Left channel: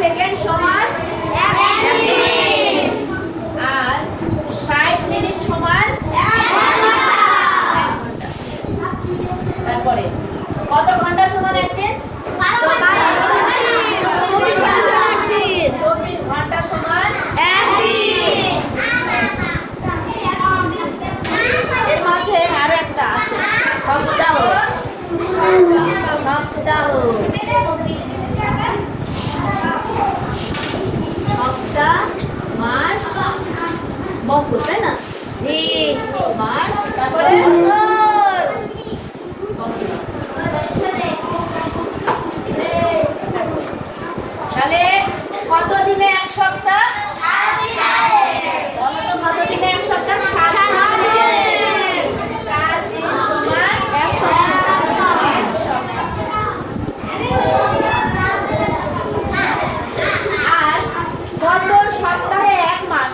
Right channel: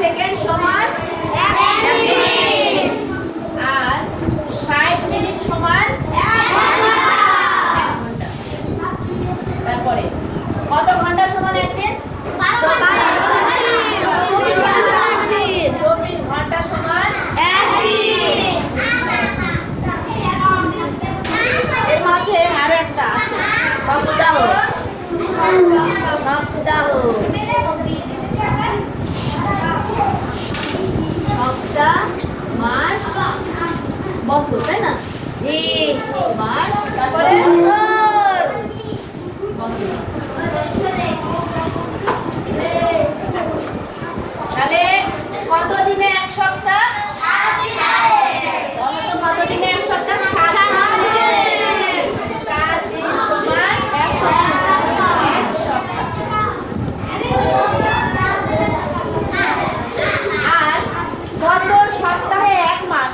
Second সমান 1 minute আর 60 minute সমান 1 ঘন্টা। তারপরে কত ঘন্টা সমান 1 দিন? 24 ঘন্টা সমান 1 দিন। এর মাঝে আরো একটা আছে সপ্তাহ। সপ্তাহ মাস বছর, তাই না? জি। মাস তারপরে বছর। তাহলে কত দিনে এক সপ্তাহ? কত দিনে এক সপ্তাহ? 7 দিন। 7 দিন সমান 1 সপ্তাহ। আর কত সপ্তাহে 1 মাস?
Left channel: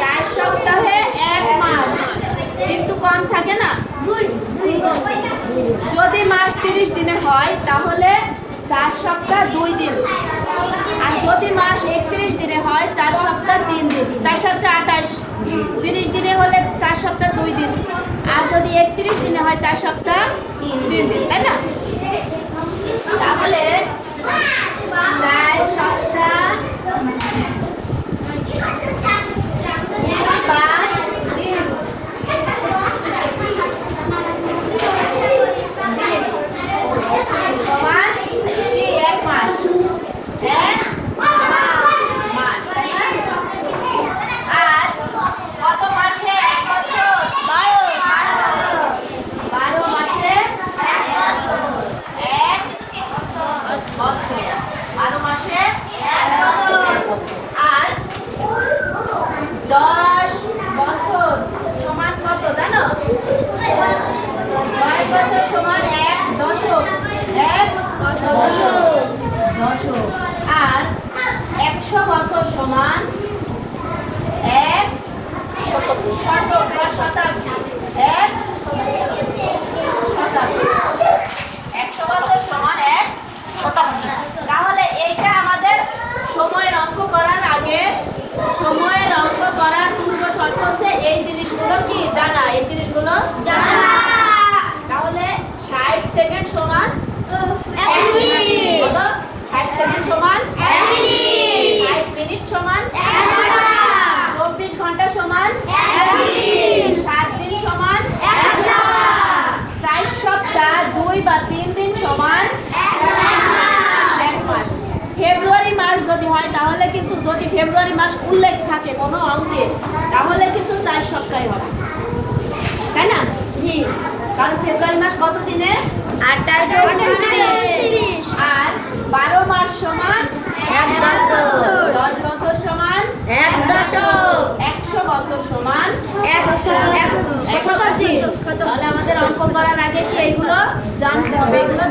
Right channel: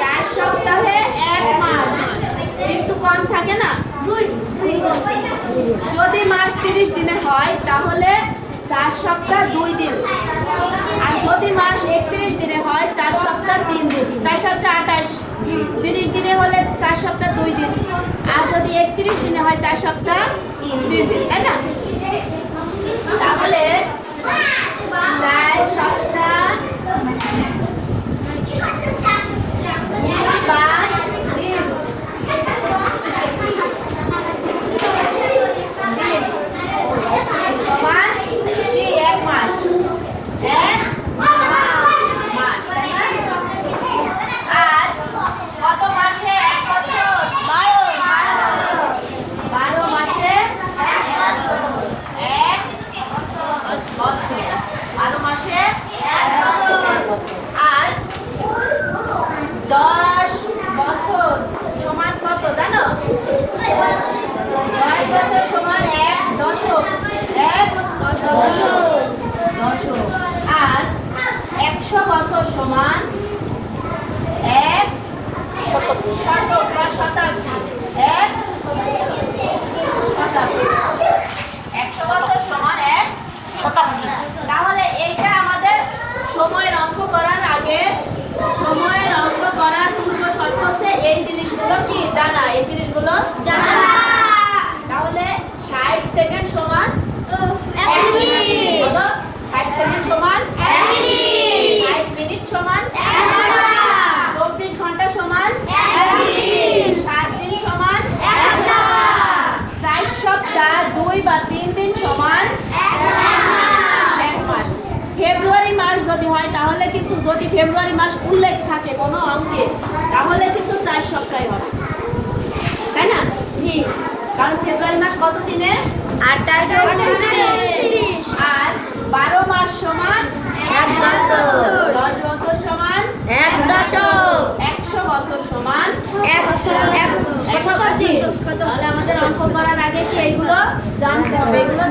4 সপ্তাহে 1 মাস। কিন্তু কম থাকে না? যদি মাস 30 দিনে হয় তাহলে 4 সপ্তাহ 2 দিন। আর যদি মাস 31 দিনে হয় 4 সপ্তাহ 3 দিন। 4 সপ্তাহ 28। 30 দিনে হলে 4 সপ্তাহ 2 দিন। আর যদি 31 দিনে হয় 4 সপ্তাহ 3 দিন, তাই না? তাহলে 4 সপ্তাহ আর 10 বছর সমান কত জানো? 10 বছর সমান 1 দশক। 1 দশক। আর 100 বছর সমান 1 শতক বা শতাব্দী। 1 শতাব্দী। 100 বছর সমান 1 শতাব্দী। তাহলে এইটা আমাদের সময়ের অঙ্ক করার আগে, সময়ের অঙ্ক করার পূর্ব শর্ত হচ্ছে এই জিনিসগুলো কি জানা। এই জিনিসগুলো জানা। তাহলে 60 সেকেন্ড সমান 1 মিনিট। 60 সেকেন্ড সমান 1 মিনিট। 60 মিনিট সমান 1 ঘন্টা। 24 ঘন্টা সমান 1 দিন। 7 দিন সমান 1 সপ্তাহ। 4 সপ্তাহ 2 বা 3 দিন সমান 1 মাস। ফেব্রুয়ারি মাস যদি হয় তাহলে কিন্তু, যদি ফেব্রুয়ারি মাস উল্লেখ থাকে কোনো অঙ্কে, তাহলে কিন্তু 4 সপ্তাহে হবে, তাই না? জি। কারণ ফেব্রুয়ারি মাস কত দিনে? 28, 29, আর 12 মাস সমান 1 বছর। 10 বছর সমান 1 দশক। 100 বছর সমান 1 শতাব্দী। তাহলে আমাদের অঙ্ক করার আগে তো এগুলো জানতে হবে। এগুলো